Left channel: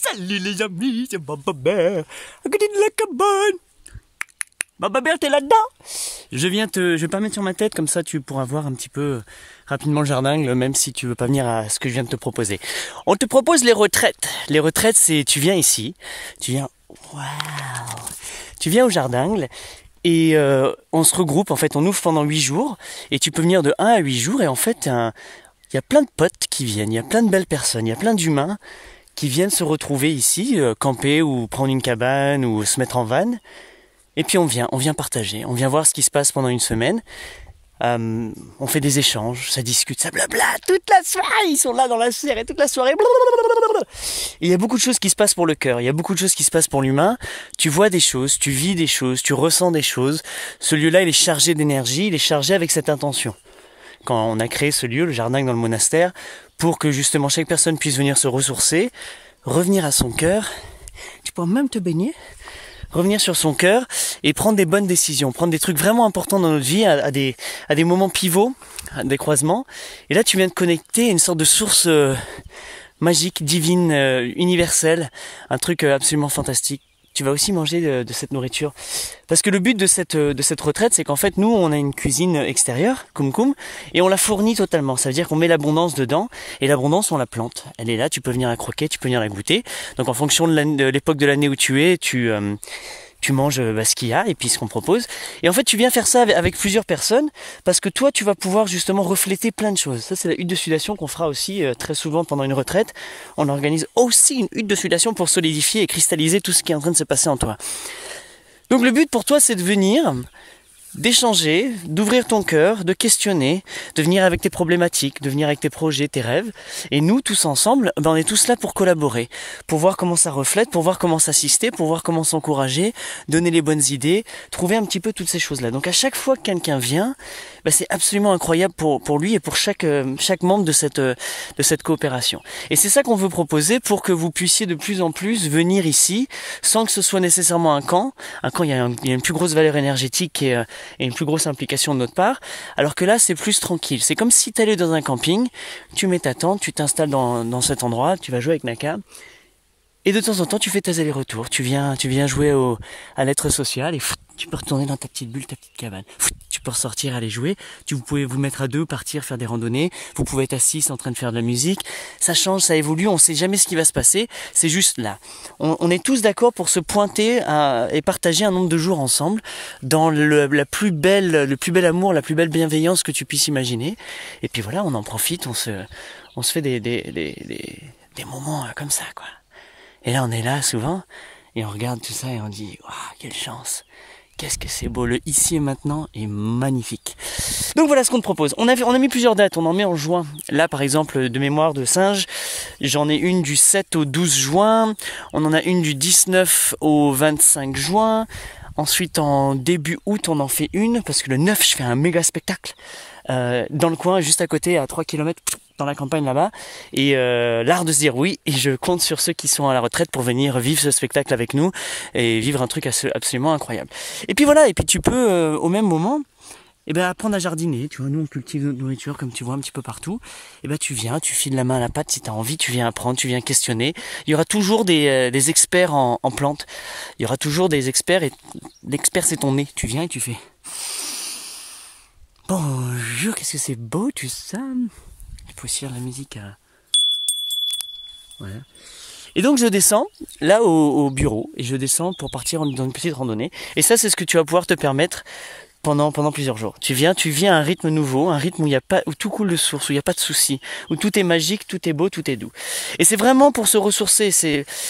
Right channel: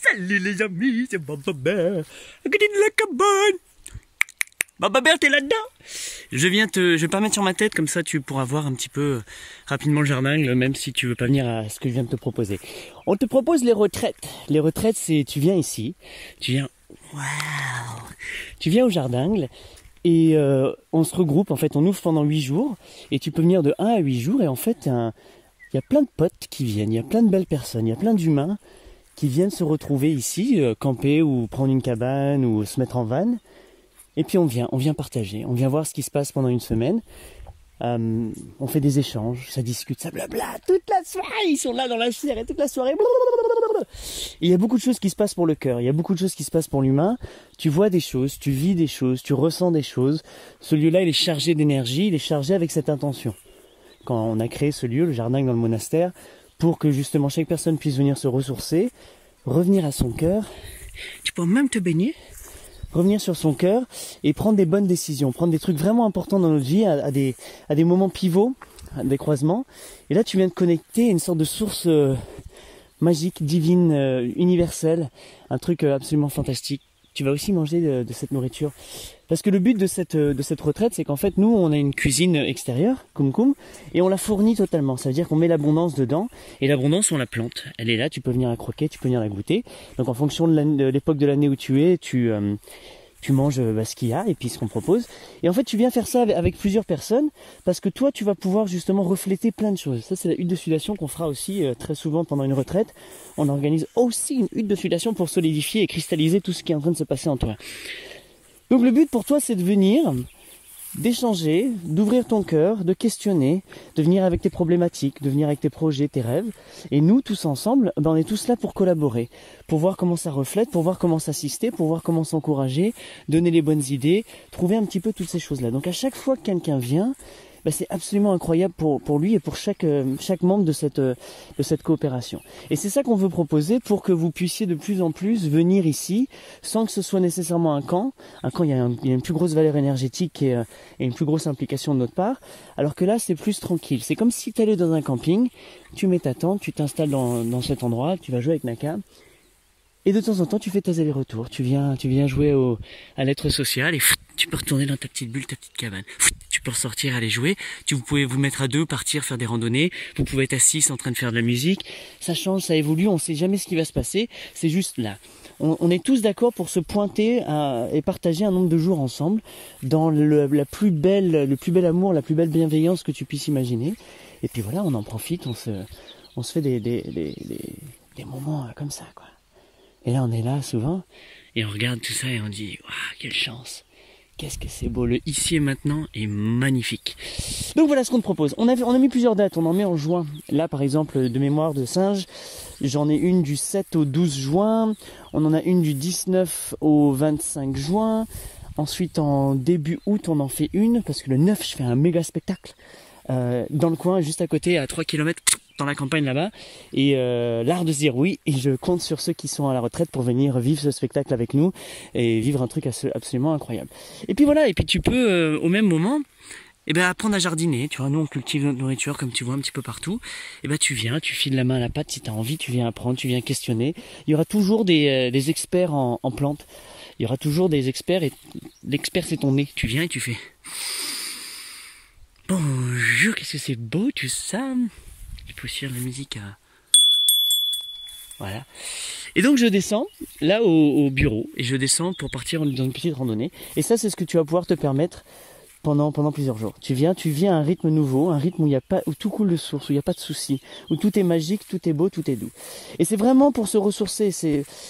Salut les amis, c'est Baba Bear. À côté de la cabane. Baba Bear, t'es là-dedans? Je vais pas mettre sur ma tête, comme ça tu pourras voir un petit peu rapidement le jardin, même si tu veux pas venir à ce que je viens de te proposer. On te propose les retraites. Les retraites, c'est tu viens ici, tu viens au jardin et on se regroupe, en fait on ouvre pendant 8 jours et tu peux venir de 1 à 8 jours et en fait il y a plein de potes qui viennent, il y a plein de belles personnes, il y a plein d'humains qui viennent se retrouver ici, camper ou prendre une cabane ou se mettre en van. Et puis on vient partager, on vient voir ce qui se passe pendant une semaine. On fait des échanges, ça discute, ça blabla, toute la soirée, ils sont là dans la serre et toute la soirée. Et il y a beaucoup de choses qui se passent pour le cœur, il y a beaucoup de choses qui se passent pour l'humain. Tu vois des choses, tu vis des choses, tu ressens des choses. Ce lieu-là, il est chargé d'énergie, il est chargé avec cette intention. Quand on a créé ce lieu, le jardin dans le monastère, pour que justement chaque personne puisse venir se ressourcer, revenir à son cœur, tu peux même te baigner, revenir sur son cœur et prendre des bonnes décisions, prendre des trucs vraiment importants dans notre vie à des moments pivots, à des croisements. Et là, tu viens de connecter à une sorte de source magique, divine, universelle, un truc absolument fantastique. Tu vas aussi manger de cette nourriture. Parce que le but de cette retraite, c'est qu'en fait, nous, on a une cuisine extérieure, Kumkum, et on la fournit totalement. Ça veut dire qu'on met l'abondance dedans, et l'abondance, on la plante. Elle est là, tu peux venir la croquer, tu peux venir la goûter. Donc en fonction de l'époque de l'année où tu es, tu manges ce qu'il y a et puis ce qu'on propose. Et en fait, tu viens faire ça avec plusieurs personnes parce que toi, tu vas pouvoir justement refléter plein de choses. Ça, c'est la hutte de sudation qu'on fera aussi très souvent pendant une retraite. On organise aussi une hutte de sudation pour solidifier et cristalliser tout ce qui est en train de se passer en toi. Donc le but pour toi, c'est de venir, d'échanger, d'ouvrir ton cœur, de questionner, de venir avec tes problématiques, de venir avec tes projets, tes rêves. Et nous, tous ensemble, on est tous là pour collaborer, pour voir comment ça reflète, pour voir comment s'assister, pour voir comment s'encourager, donner les bonnes idées, trouver un petit peu toutes ces choses-là. Donc à chaque fois que quelqu'un vient, c'est absolument incroyable pour lui et pour chaque membre de cette coopération. Et c'est ça qu'on veut proposer pour que vous puissiez de plus en plus venir ici sans que ce soit nécessairement un camp. Un camp, il y a une plus grosse valeur énergétique et une plus grosse implication de notre part, alors que là, c'est plus tranquille. C'est comme si tu allais dans un camping, tu mets ta tente, tu t'installes dans cet endroit, tu vas jouer avec Naka. Et de temps en temps, tu fais tes allers-retours. Tu viens jouer à l'être social et tu peux retourner dans ta petite bulle, ta petite cabane. Tu peux ressortir, aller jouer. Vous pouvez vous mettre à deux, partir, faire des randonnées. Vous pouvez être assis en train de faire de la musique. Ça change, ça évolue. On ne sait jamais ce qui va se passer. C'est juste là. On est tous d'accord pour se pointer et partager un nombre de jours ensemble dans le plus bel amour, la plus belle bienveillance que tu puisses imaginer. Et puis voilà, on en profite. On se fait des moments comme ça, quoi. Et là, on est là souvent, et on regarde tout ça et on dit « Waouh, quelle chance! Qu'est-ce que c'est beau! Le ici et maintenant est magnifique. » Donc voilà ce qu'on te propose. On a mis plusieurs dates, on en met en juin. Là, par exemple, de mémoire de singe, j'en ai une du 7 au 12 juin. On en a une du 19 au 25 juin. Ensuite, en début août, on en fait une, parce que le 9, je fais un méga spectacle. Dans le coin, juste à côté, à 3 km dans la campagne là-bas, et l'art de se dire oui, et je compte sur ceux qui sont à la retraite pour venir vivre ce spectacle avec nous et vivre un truc absolument incroyable. Et puis voilà, et puis tu peux au même moment apprendre à jardiner. Tu vois, nous on cultive notre nourriture comme tu vois un petit peu partout. Et tu viens, tu files la main à la pâte si tu as envie, tu viens apprendre, tu viens questionner. Il y aura toujours des experts en plantes. Il y aura toujours des experts, et l'expert c'est ton nez. Tu viens et tu fais bonjour, qu'est-ce que c'est beau tout ça. Je peux aussi faire la musique voilà. Et donc je descends là au bureau et je descends pour partir dans une petite randonnée. Et ça, c'est ce que tu vas pouvoir te permettre pendant plusieurs jours. Tu viens à un rythme nouveau, un rythme où tout coule de source, où il n'y a pas de soucis, où tout est magique, tout est beau, tout est doux. Et c'est vraiment pour se ressourcer.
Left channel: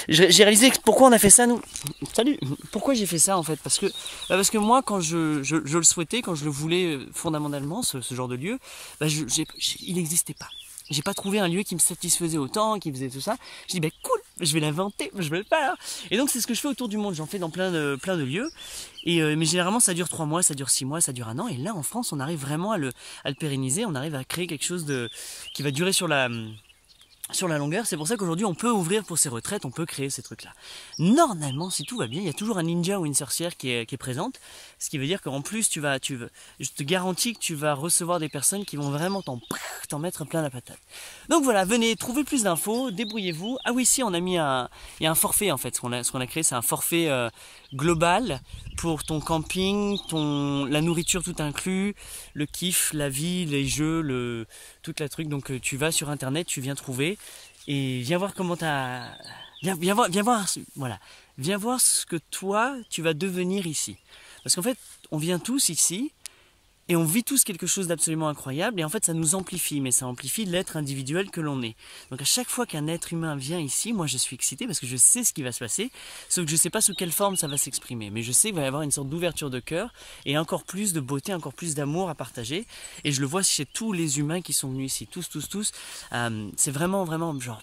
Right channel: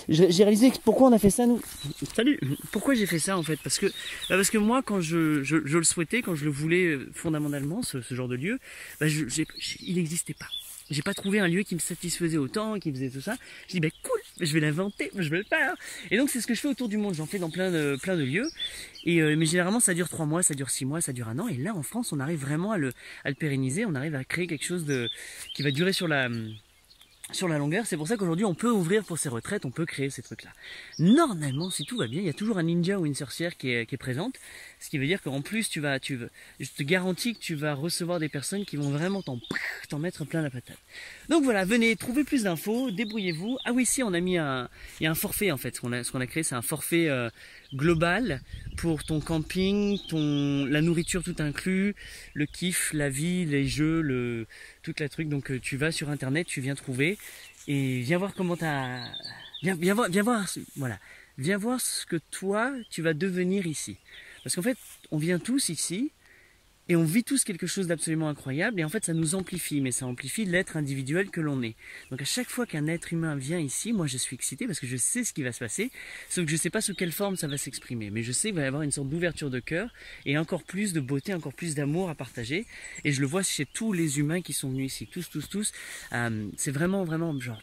J'ai réalisé pourquoi on a fait ça, nous. Salut. Pourquoi j'ai fait ça en fait? Parce que moi, quand je le souhaitais, quand je le voulais fondamentalement, ce genre de lieu, il n'existait pas. J'ai pas trouvé un lieu qui me satisfaisait autant, qui faisait tout ça. Je dis cool, je vais l'inventer, je vais le faire. Et donc c'est ce que je fais autour du monde. J'en fais dans plein de lieux. Mais généralement ça dure 3 mois, ça dure 6 mois, ça dure 1 an. Et là en France on arrive vraiment à le pérenniser. On arrive à créer quelque chose qui va durer sur la sur la longueur. C'est pour ça qu'aujourd'hui on peut ouvrir pour ces retraites, on peut créer ces trucs là. Normalement, si tout va bien, il y a toujours un ninja ou une sorcière qui est présente, ce qui veut dire qu'en plus je te garantis que tu vas recevoir des personnes qui vont vraiment t'en mettre plein la patate. Donc voilà, venez, trouvez plus d'infos, débrouillez-vous. Ah oui, si, on a mis il y a un forfait en fait, ce qu'on a créé, c'est un forfait global pour ton camping, la nourriture tout inclus, le kiff, la vie, les jeux, toute la truc. Donc tu vas sur internet, tu viens trouver et viens voir comment viens voir, voilà, viens voir ce que toi tu vas devenir ici. Parce qu'en fait, on vient tous ici et on vit tous quelque chose d'absolument incroyable et en fait ça nous amplifie, mais ça amplifie l'être individuel que l'on est. Donc à chaque fois qu'un être humain vient ici, moi je suis excité parce que je sais ce qui va se passer, sauf que je ne sais pas sous quelle forme ça va s'exprimer, mais je sais qu'il va y avoir une sorte d'ouverture de cœur et encore plus de beauté, encore plus d'amour à partager, et je le vois chez tous les humains qui sont venus ici, tous, c'est vraiment genre,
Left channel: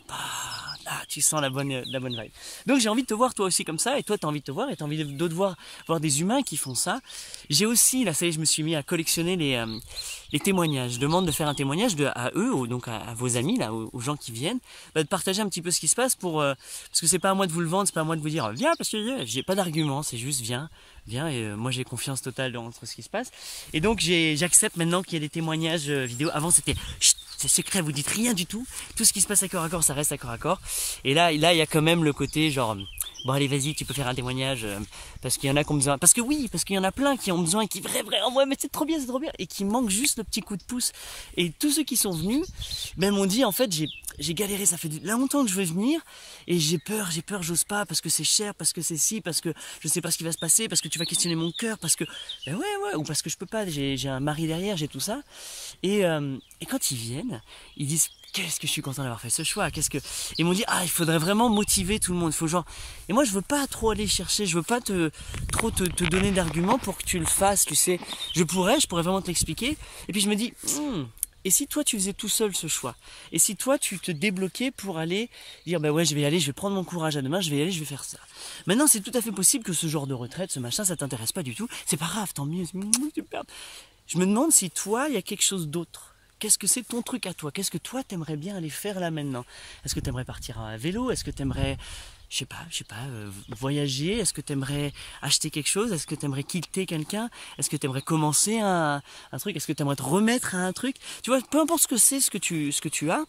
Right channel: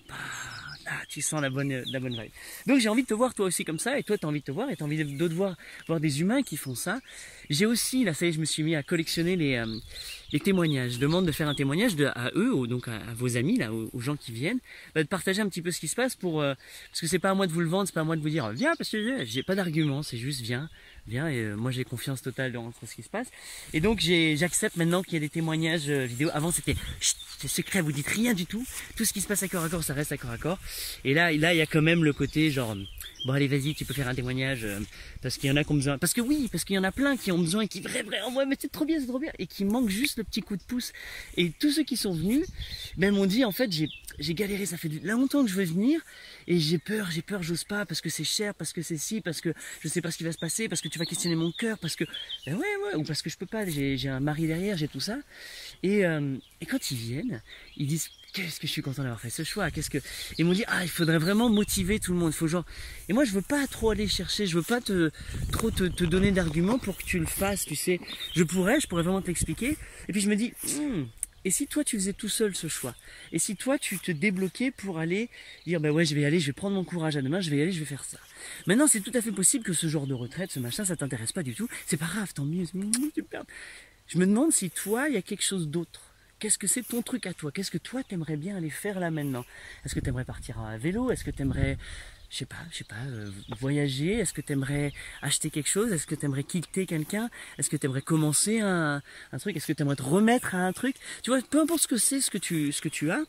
tu sens la bonne vibe. Donc j'ai envie de te voir toi aussi comme ça, et toi tu as envie de te voir, et tu as envie de voir des humains qui font ça. J'ai aussi, là ça y est, je me suis mis à collectionner les témoignages. Je demande de faire un témoignage à eux, donc à vos amis, là, aux gens qui viennent, de partager un petit peu ce qui se passe parce que c'est pas à moi de vous le vendre, c'est pas à moi de vous dire viens, parce que j'ai pas d'argument, c'est juste viens, et moi j'ai confiance totale dans ce qui se passe. Et donc j'accepte maintenant qu'il y ait des témoignages vidéo. Avant c'était c'est secret, vous dites rien du tout. Tout ce qui se passe à corps à corps, ça reste à corps à corps. Et là il y a quand même le côté genre bon allez vas-y, tu peux faire un témoignage parce qu'il y en a qui ont besoin. Parce qu'il y en a plein qui ont besoin et qui vraiment ouais mais c'est trop bien et qui manquent juste le petit coup de pouce. Et tous ceux qui sont venus m'ont dit en fait j'ai galéré, ça fait longtemps que je veux venir et j'ai peur, j'ose pas parce que c'est cher, parce que c'est ci, parce que je sais pas ce qui va se passer, parce que tu vas questionner mon cœur, parce que ou parce que je peux pas, j'ai un mari derrière, j'ai tout ça. Et quand ils viennent, ils disent qu'est-ce que je suis content d'avoir fait ce choix, ils m'ont dit il faudrait vraiment motiver tout le monde, et moi je veux pas trop aller chercher, je veux pas trop te donner d'arguments pour que tu le fasses, tu sais. Je pourrais vraiment te l'expliquer, et puis je me dis et si toi tu faisais tout seul ce choix? Et si toi tu te débloquais pour aller dire bah ouais je vais y aller, je vais prendre mon courage à deux mains, je vais y aller, je vais faire ça. Maintenant c'est tout à fait possible que ce genre de retraite, ce machin, ça t'intéresse pas du tout. C'est pas grave, tant mieux, super. Je me demande si toi il y a quelque chose d'autre. Qu'est-ce que c'est ton truc à toi? Qu'est-ce que toi t'aimerais bien aller faire là maintenant? Est-ce que t'aimerais partir à vélo? Est-ce que t'aimerais je sais pas, voyager? Est-ce que tu aimerais acheter quelque chose? Est-ce que tu aimerais quitter quelqu'un? Est-ce que tu aimerais commencer un truc? Est-ce que tu aimerais te remettre à un truc? Tu vois, peu importe ce que c'est, ce que tu as,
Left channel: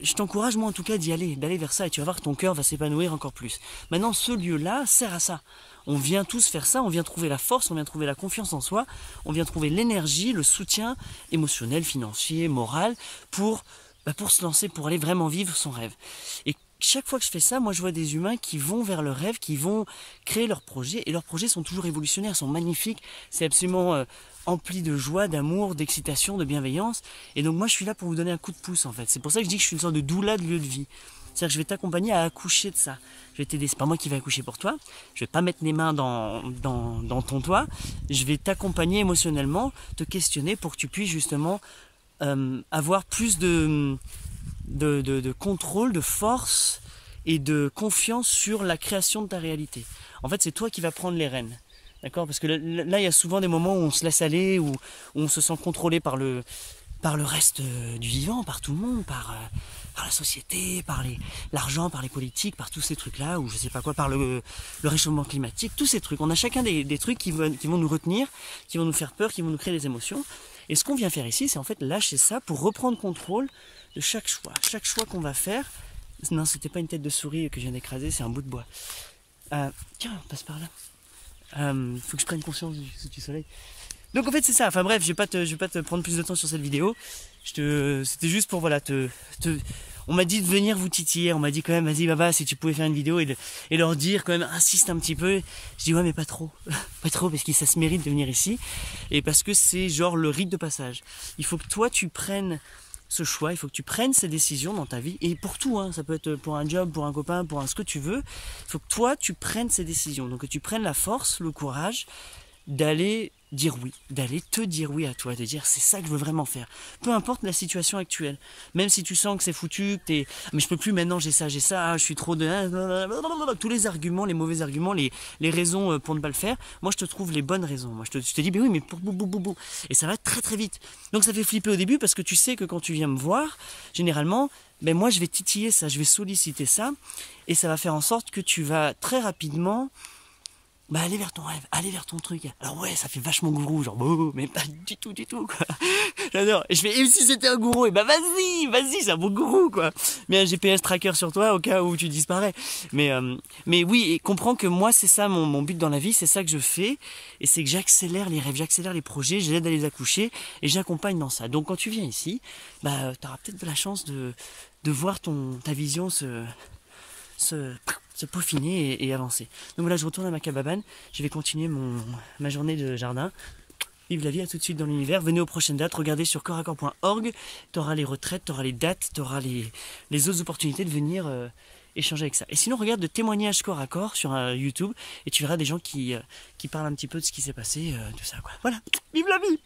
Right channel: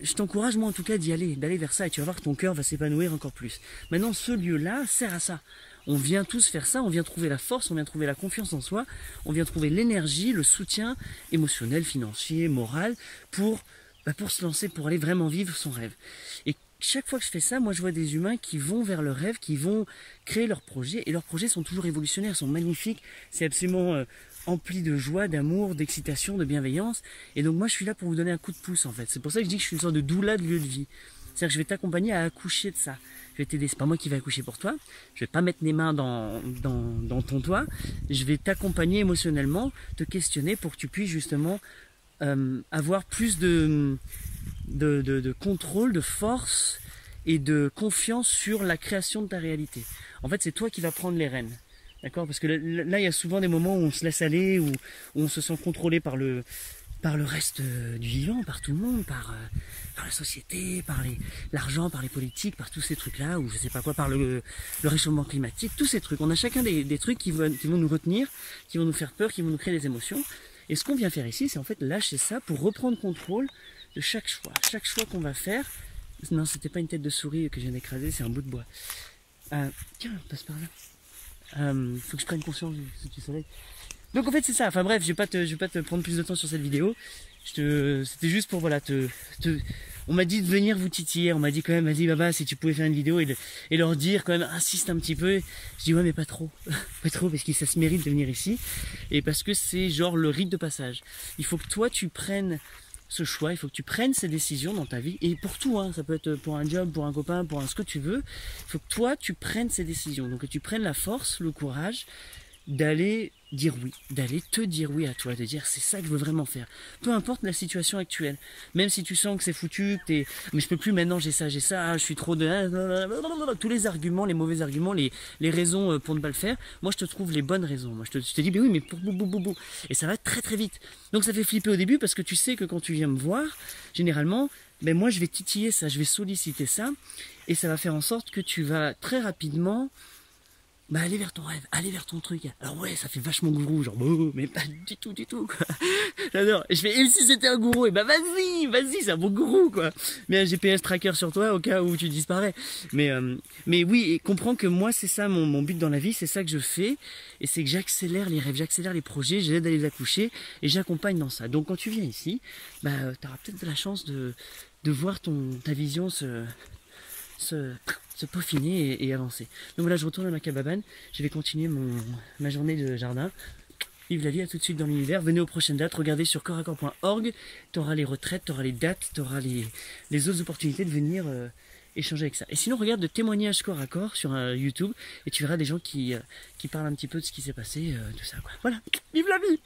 je t'encourage moi en tout cas d'aller vers ça, et tu vas voir que ton cœur va s'épanouir encore plus. Maintenant, ce lieu-là sert à ça. On vient tous faire ça, on vient trouver la force, on vient trouver la confiance en soi, on vient trouver l'énergie, le soutien émotionnel, financier, moral, pour se lancer, pour aller vraiment vivre son rêve. Et chaque fois que je fais ça, moi je vois des humains qui vont vers leur rêve, qui vont créer leurs projets, et leurs projets sont toujours révolutionnaires, sont magnifiques, c'est absolument empli de joie, d'amour, d'excitation, de bienveillance. Et donc moi je suis là pour vous donner un coup de pouce en fait. C'est pour ça que je dis que je suis une sorte de doula de lieu de vie. C'est-à-dire que je vais t'accompagner à accoucher de ça. Je vais t'aider, c'est pas moi qui vais accoucher pour toi. Je vais pas mettre les mains dans ton toit. Je vais t'accompagner émotionnellement, te questionner pour que tu puisses justement avoir plus de contrôle, de force et de confiance sur la création de ta réalité. En fait, c'est toi qui vas prendre les rênes. D'accord? Parce que là, il y a souvent des moments où on se laisse aller, où on se sent contrôlé par le reste du vivant, par tout le monde, par la société, par l'argent, par les politiques, par tous ces trucs-là, ou je sais pas quoi, par le réchauffement climatique, tous ces trucs. On a chacun des trucs qui vont nous retenir, qui vont nous faire peur, qui vont nous créer des émotions. Et ce qu'on vient faire ici, c'est en fait lâcher ça pour reprendre contrôle de chaque choix. Chaque choix qu'on va faire. Non, c'était pas une tête de souris que je viens d'écraser, c'est un bout de bois. Tiens, on passe par là. Faut que je prenne conscience du soleil. Donc en fait c'est ça, enfin bref, je vais pas te prendre plus de temps sur cette vidéo. C'était juste pour voilà on m'a dit de venir vous titiller, on m'a dit quand même vas-y Baba si tu pouvais faire une vidéo et leur dire quand même, insiste un petit peu. Je dis ouais mais pas trop, pas trop parce que ça se mérite de venir ici et parce que c'est genre le rite de passage. Il faut que toi tu prennes ce choix, il faut que tu prennes ces décisions dans ta vie et pour tout, hein, ça peut être pour un job, pour un copain, pour ce que tu veux. Il faut que toi tu prennes ces décisions, donc que tu prennes la force, le courage d'aller dire oui, d'aller te dire oui à toi, de dire c'est ça que je veux vraiment faire. Peu importe la situation actuelle, même si tu sens que c'est foutu, que t'es, mais je peux plus maintenant, j'ai ça, ah, je suis trop de... Tous les arguments, les mauvais arguments, les raisons pour ne pas le faire, moi je te trouve les bonnes raisons. Moi je te dis, mais oui, mais pour bou. Et ça va très très vite. Donc ça fait flipper au début parce que tu sais que quand tu viens me voir, généralement, ben moi je vais titiller ça, je vais solliciter ça, et ça va faire en sorte que tu vas très rapidement aller vers ton rêve, aller vers ton truc. Alors ouais, ça fait vachement gourou, genre, mais pas du tout, quoi. J'adore. Et je fais, et si c'était un gourou, et vas-y, c'est un bon gourou, quoi. Mais un GPS tracker sur toi au cas où tu disparais. Mais oui, et comprends que moi, c'est ça mon but dans la vie, c'est ça que je fais. Et c'est que j'accélère les rêves, j'accélère les projets, j'aide à les accoucher, et j'accompagne dans ça. Donc quand tu viens ici, t'auras peut-être de la chance de voir ta vision se peaufiner et avancer. Donc voilà, je retourne à ma cabane, je vais continuer ma journée de jardin. Vive la vie, à tout de suite dans l'univers. Venez aux prochaines dates, regardez sur corps-à-corps.org, tu auras les retraites, tu auras les dates, tu auras les autres opportunités de venir échanger avec ça. Et sinon, regarde de témoignages corps à corps sur YouTube, et tu verras des gens qui parlent un petit peu de ce qui s'est passé, tout ça, quoi. Voilà, vive la vie.